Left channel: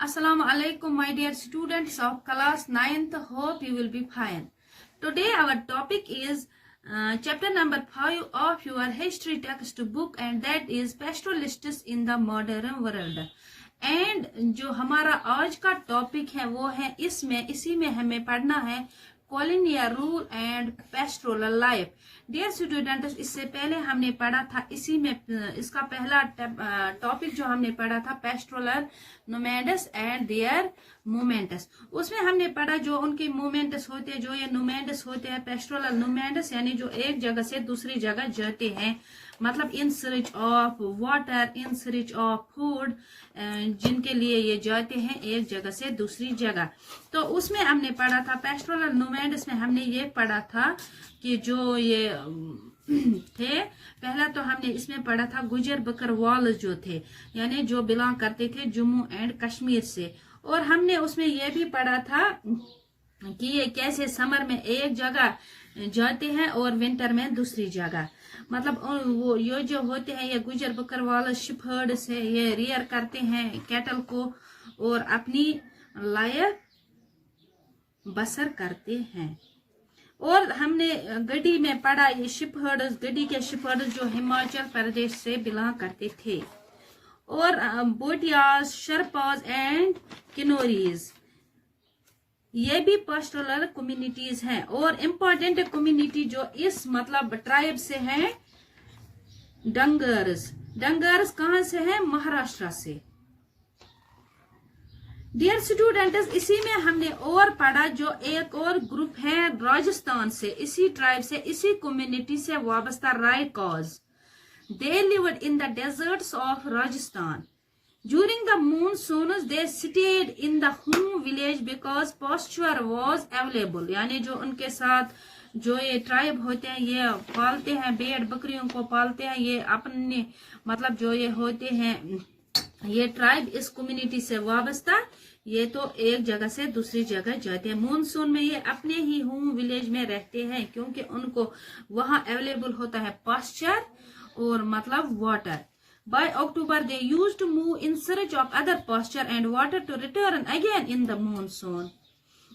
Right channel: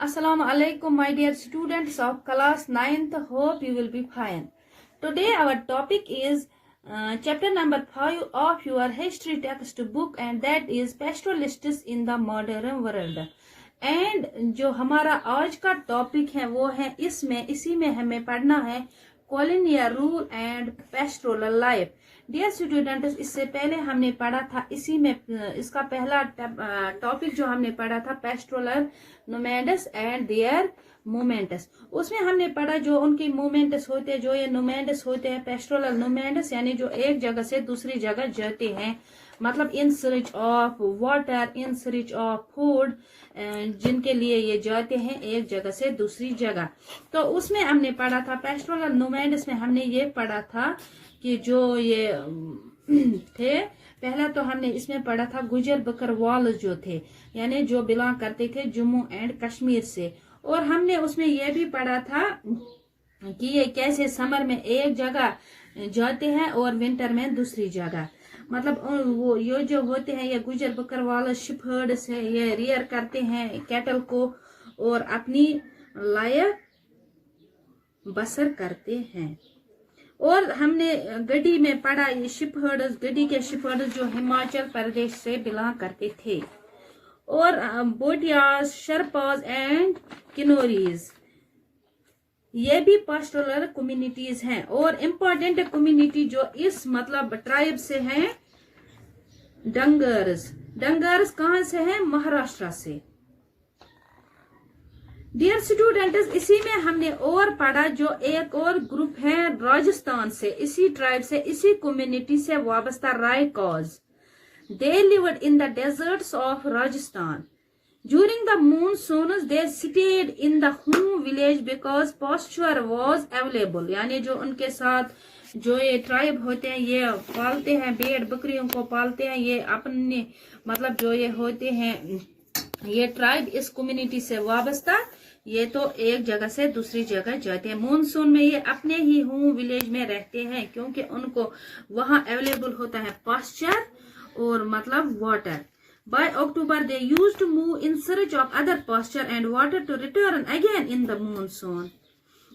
Assalamu alaikum, my dear students of class 9th. Hope you will be fine. Today our topic is chapter number 5 of your history textbook, and that is pastoralists in the modern world. And जो हमारा आज का topic है वो है इसी में हमें पढ़ना है colonial rule and pastoral life. Dear students, इससे पहले हमने पढ़ा था इसी में इसका पहला टॉपिक जो हमने पढ़ा था पेस्टोरल नोमैडस एंड देयर मूवमेंट्स। उसमें हमने पढ़ा जो उनके मूवमेंट्स होते हैं, जो ये नोमैडस होते हैं पेस्टोरल नोमैडस, यानी जो एक जगह से दूसरी जगह जाते हैं, मतलब in search of water, in search of food, जिनके लिए ये जाते हैं एक जगह से दूसरी जगह। तो उसमें हमने पढ़ा था पेस्टोरल नोमैड्स में हमने ये पढ़ा था कि जो ये थे, पहला तो हमने इसमें पढ़ा था गुजर बकरवाल जो थे, यानी जो बिलोंग करते थे जम्मू एंड कश्मीर से। और हमने उसमें यह भी पढ़ा था कि ये कैसे समर में एक जगह जाते हैं और विंटर में दूसरी जगह, मतलब वो ये जो होते हैं ये गुजर बकरवाल शिपहर्ड्स है, ये रियर करते हैं कैटल को और अपनी लाइफ बसर करते हैं। और हमने गड्डी में पढ़ा ये शिपहर्ड्स, गड्डी के शिपहर्ड्स जो हिमाचल प्रदेश से बिलोंग करते थे। और बोटियाज, शर्पाज एंड किन्नौरीज, ये भी पास्टोरल कम्युनिटीज हैं। और इम्पोर्टेंट कम्युनिटी जो इस मतलब ट्राइब से हैं डंगर्स। डंगर्स कहां से हैं? महाराष्ट्र से। डियर स्टूडेंट्स, इसी में हमने और पढ़ा जो एक और ग्रुप है राजस्थान से, इसी ट्राइब से, इसी कम्युनिटी से वाबस्ता Raikas. They lived in the deserts of Rajasthan. During the monsoons, they stayed in the home village because pasture was available. यानी जो उनके साथ जो ये ट्राइब होते हैं ये पालते हैं, भेड़ बकरियों को पालते हैं, ये अपने मतलब जो ये होते हैं ये ट्राइब इस कम्युनिटी से वाबस्ता, ये तो एक जगह से दूसरी जगह जाते हैं। मानसून में ये अपने ही होम विलेज में रहते हैं क्योंकि उनको वहां अवेलेबल होता है पास्चर और मतलब water. By October, they used to move in search of other pasture and water to return again in the monsoon.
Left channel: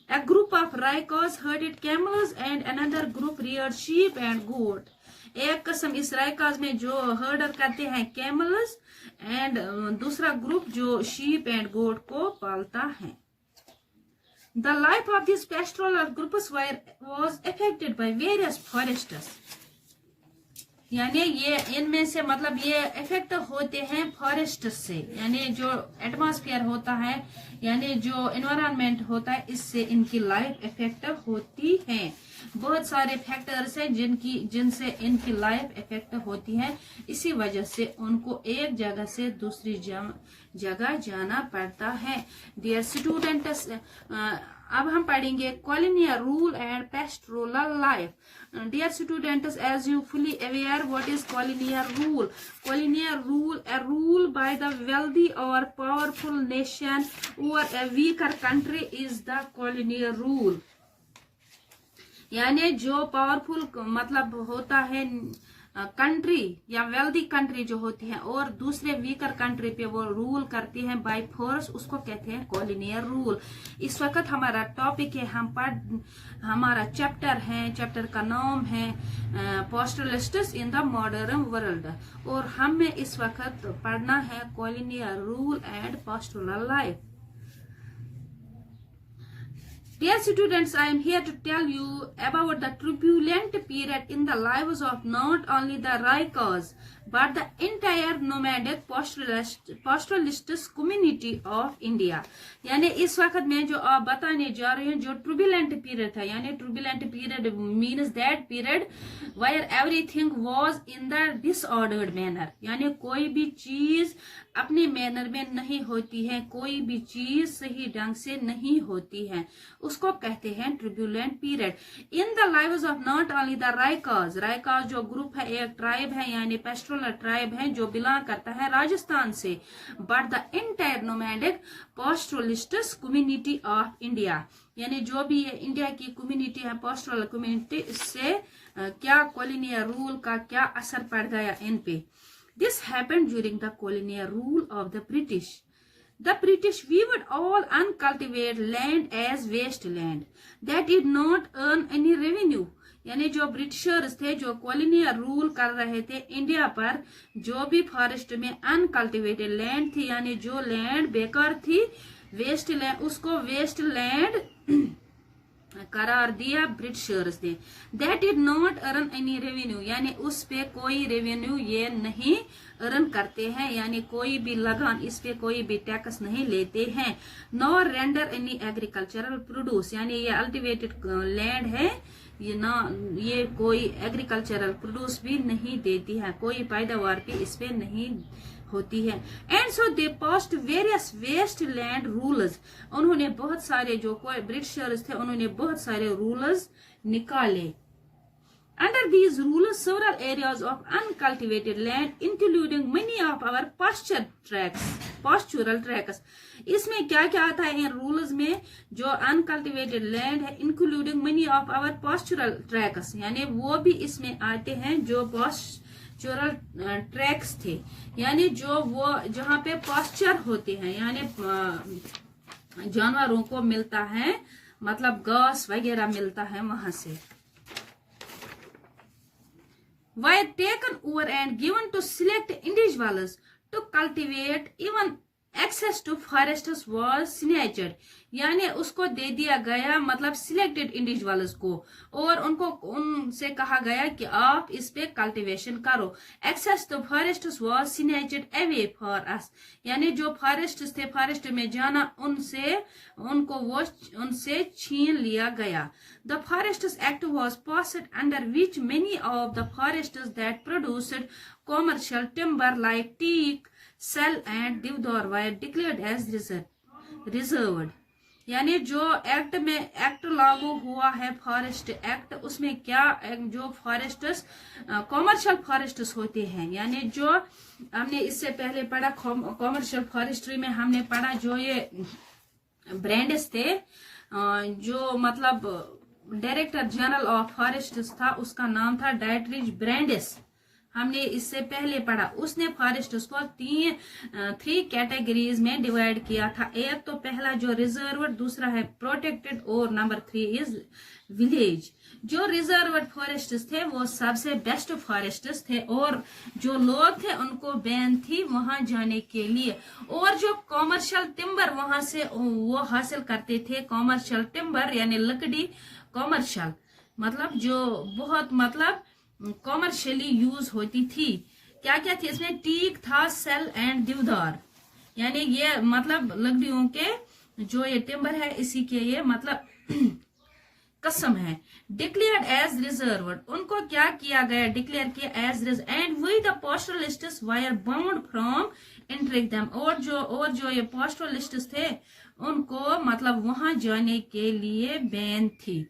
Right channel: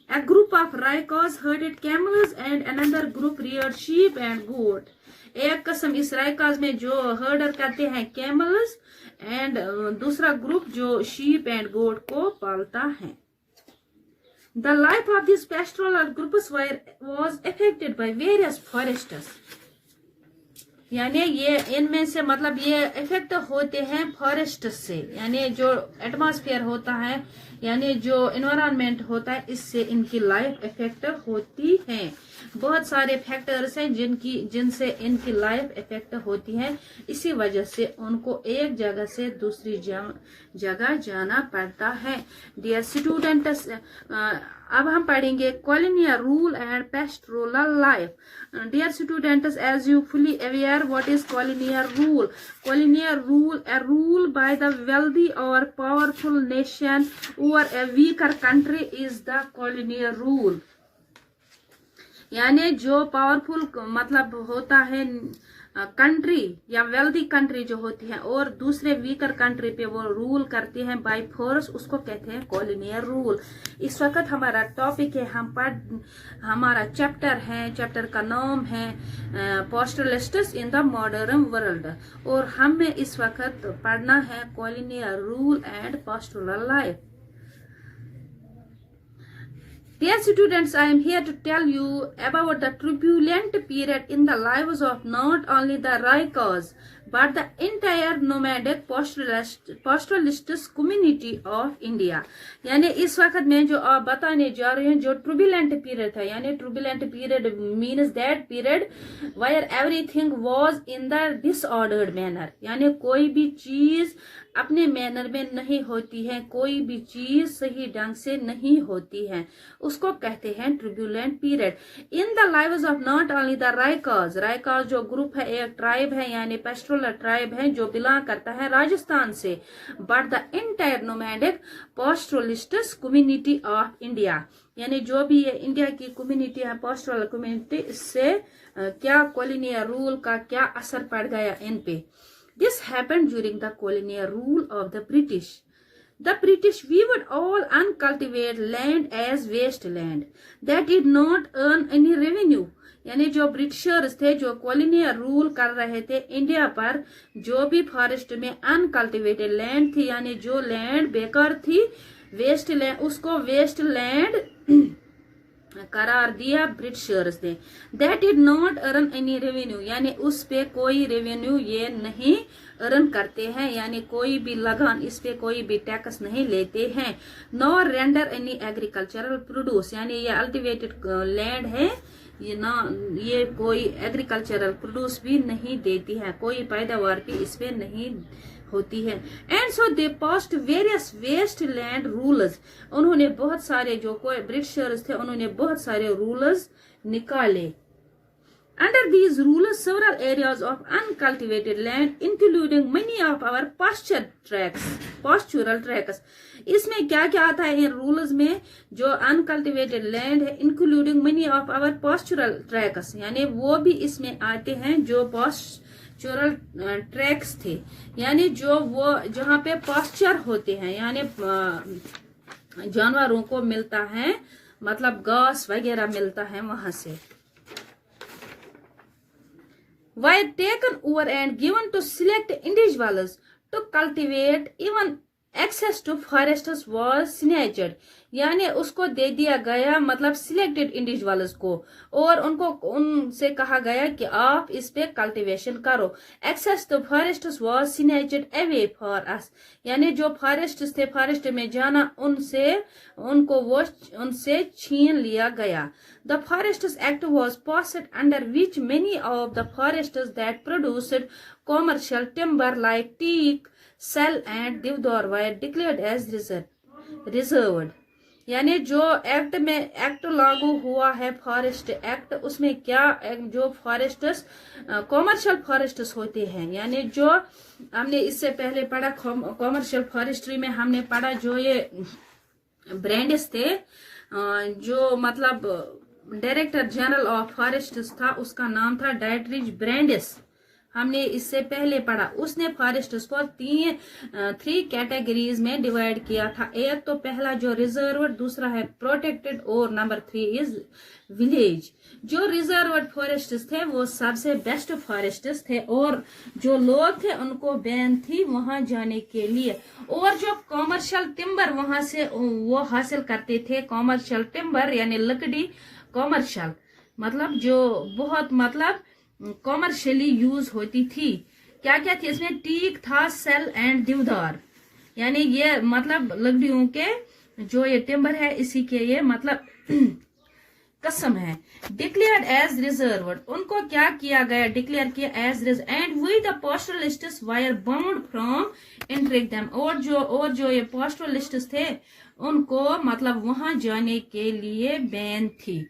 A group of Raikas herded camels and another group reared sheep and goat. एक किस्म इस रायकाज में जो हर्डर करते हैं camels and दूसरा group जो sheep and गोट को पालता है। The life of these pastoral groups was affected by various forests. यानी ये इनमें से मतलब ये इफेक्ट होते हैं फॉरेस्ट से, यानी जो एटमॉस्फेयर होता है, यानी जो एनवायरनमेंट होता है, इससे इनकी लाइफ इफेक्ट होती है। बहुत सारे फैक्टर्स हैं जिनसे इनकी लाइफ इफेक्ट होती है, इसी वजह से उनको एक जगह से दूसरी जगह जाना पड़ता है। डियर स्टूडेंट्स, अब हम पढ़ेंगे colonial rule and pastoral life. Dear students, as you fully aware, what is colonial rule? Colonial rule, a rule by the wealthy or powerful nation over a weaker country is the colonial rule. यानी जो powerful मतलब होता है country या wealthy country जो होती है और दूसरे वीकर कंट्री पे वो रूल करती है बाय फोर्स, उसको कहते हैं कॉलोनियल रूल। इस वक्त हमारा टॉपिक है, हमारा चैप्टर है, चैप्टर का नाम है पास्टोरलिस्ट्स इन द मॉडर्न वर्ल्ड, और हमें इस वक्त पढ़ना है colonial rule and pastoral life. Dear students, I am here to tell you about the turbulent period in the lives of not only the Raikas but the entire nomadic pastoralists community of India. यानी इस वक्त में जो आप बताने जा रहे हैं जो ट्रूबुलेंट पीरियड था, यानी turbulent period means that period where everything was in the disordered manner, यानी कोई भी चीज अपने मैनर में नहीं होती है, कोई भी चीज सही ढंग से नहीं होती है, उसको कहते हैं turbulent period. In the lives of not only the Raikas, Raikas जो ग्रुप है, एक ट्राइब है, यानी पेस्टोरल ट्राइब है जो बिलोंग करता है राजस्थान से, but the entire nomadic pastoralists community of India, यानी जो भी ये इंडिया की कम्युनिटी है पास्टोरल कम्युनिटी, इससे क्या कॉलोनियल रूल का क्या असर पड़ गया इन पे। This happened during the colonial rule of the British. The British viewed all uncultivated land as wasteland that did not earn any revenue. यानी जो ब्रिटिशर्स थे, जो कॉलोनियल रूल कर रहे थे इंडिया पर, जो भी फॉरेस्ट में अनकल्टिवेटेड लैंड थी, यानी जो लैंड बेकार थी, वेस्ट लैंड, उसको वेस्ट लैंड करार दिया ब्रिटिशर्स ने. That did not earn any revenue, यानी उस पे कोई रेवेन्यू ये नहीं अर्न करते हैं, यानी कोई भी लगान, इस पे कोई भी टैक्स नहीं लेते हैं. Nor render any agricultural produce, यानी ये अल्टिवेटेड लैंड है, ये कोई एग्रीकल्चरल प्रोड्यूस भी नहीं देती है, कोई पैदावार भी इस पे नहीं होती है. And so they passed various waste land rules, उन्होंने बहुत सारे, जो कोई ब्रिटिशर्स थे उन्होंने बहुत सारे रूल्स निकाले. Under these rules, several areas of uncultivated land, including many of our pastoral tracts. इसमें क्या क्या आता है इन रूल्स में? जो अनकल्टिवेटेड लैंड है, including many of our pastoral tracts, यानी वो भी इसमें आते हैं जो पास्चुरल ट्रैक्स थे, यानी जो वो जहाँ पे पास्चर होते हैं, यानी जानवरों को मिलता है, मतलब घास वगैरह मिलता है वहां से. Were taken over and given to select individuals to cultivate. Even access to forests was snatched, यानी उसको दे दिया गया, मतलब सिलेक्टेड इंडिविजुअल्स को, और उनसे कहा गया कि आप इस पे कल्टीवेशन करो. Access to forests was snatched away for us, यानी जो फॉरेस्ट्स थे, फॉरेस्ट में जाना उनसे छीन लिया गया. The Forests Act was passed, under which many of the forests that produced commercial timber like teak, sal and deodar were declared as reserved. यानी जो एक्ट लागू हुआ है, फॉरेस्ट एक्ट, उसमें क्या, जो फॉरेस्ट्स कॉमर्शियल फॉरेस्ट्स होते हैं, यानी जो हमने इससे पहले पढ़ा कॉमर्शियल फॉरेस्ट्री में, हमने पढ़ा जो ये ब्रांड्स थे, जो मतलब डायरेक्टर जनरल ऑफ फॉरेस्ट्स था, उसका नाम था डाइटरिच ब्रांडिस, हमने इससे पहले पढ़ा. उसने फॉरेस्ट्स को 3 कैटेगरीज में डिवाइड किया था. एक तो पहला जो रिजर्व्ड, दूसरा है प्रोटेक्टेड, और नंबर 3 इज विलेज. जो रिजर्व्ड फॉरेस्ट्स थे वो सबसे बेस्ट फॉरेस्ट्स थे, और जो लोग थे उनको बैन थी वहां जाने के लिए. और जो कॉमर्शियल टिम्बर वहां से वो हासिल करते थे, कॉमर्शियल टिम्बर यानी लकड़ी, कॉमर्शियल मतलब जो बहुत मतलब कॉमर्शियली यूज होती थी. क्या क्या थी इसमें? टीक था, सेल एंड देवदार, यानी ये मतलब लकड़ियों के जो ये टिम्बर है, इसी के ये मतलब कसम है. डिक्लेयर्ड एज रिजर्व्ड, उनको क्या किया गया? डिक्लेयर किया as reserve. And we the pastoralists were bound from entering them, और जो ये पास्टरलिस्ट्स थे उनको मतलब वहां जाने के लिए बैन थी.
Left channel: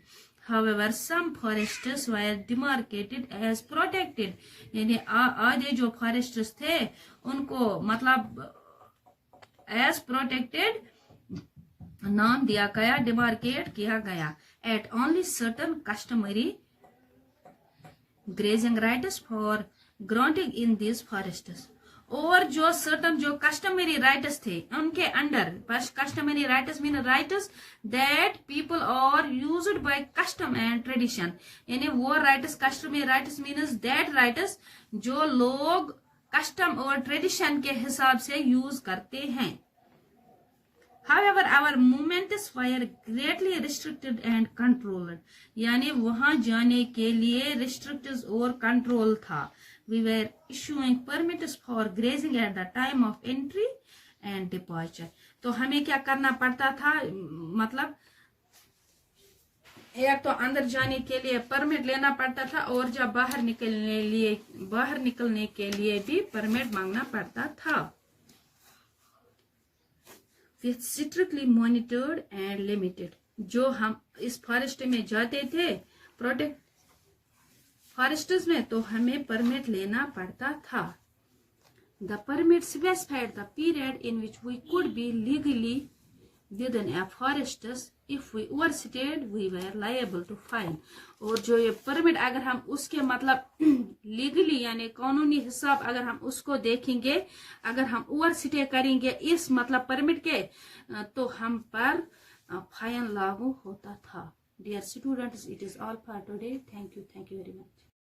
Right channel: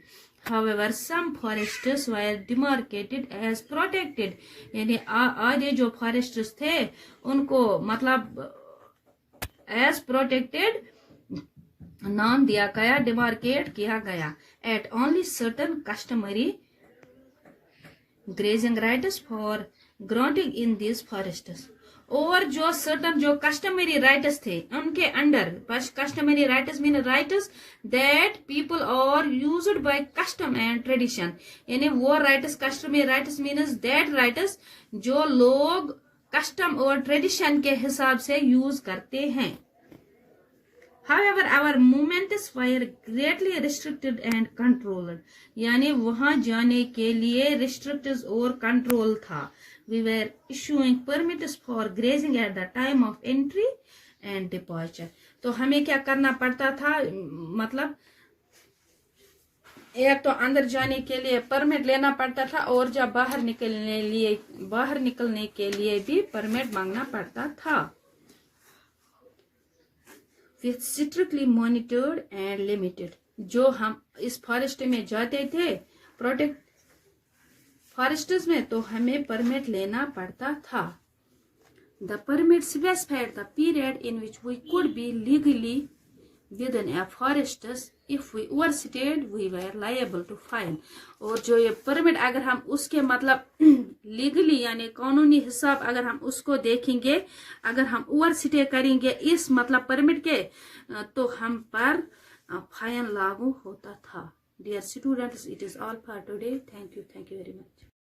However, some forests were demarcated as protected, यानी आधे जो फॉरेस्ट्स थे उनको मतलब as protected नाम दिया गया, डिमार्केट किया गया. At only certain customary grazing rights for granting in these forests. और जो सर्टन जो कस्टमरी राइट्स थे उनके अंडर, customary rights mean rights that people are used by custom and tradition, यानी वो rights, customary rights means that rights जो लोग कस्टम और ट्रेडिशन के हिसाब से यूज करते हैं. However, our movements were greatly restricted and controlled, यानी वहां जाने के लिए रिस्ट्रिक्टेड और कंट्रोल था. We were issuing permits for grazing at the time of entry and departure. तो हमें क्या करना पड़ता था? मतलब एक तो अंदर जाने के लिए परमिट लेना पड़ता था, और जब बाहर निकलने के लिए भी परमिट मांगना पड़ता था. With strictly monitored and limited. जो हम इस फॉरेस्ट में जाते थे, प्रोटेक्ट फॉरेस्ट्स में, तो हमें परमिट लेना पड़ता था. The permit specified the period in which we could be legally within a forests. If we overstayed, we were liable to fine. और जो ये पिरामिड अगर हम उसके मतलब लीगली यानी कानूनी हिसाब अगर हम उसको देखेंगे, अगर हम ओवरस्टे करेंगे इस मतलब पिरामिड के, तो हम पर फाइन लागू होता था. Dear students, it is all for today. Thank you very much.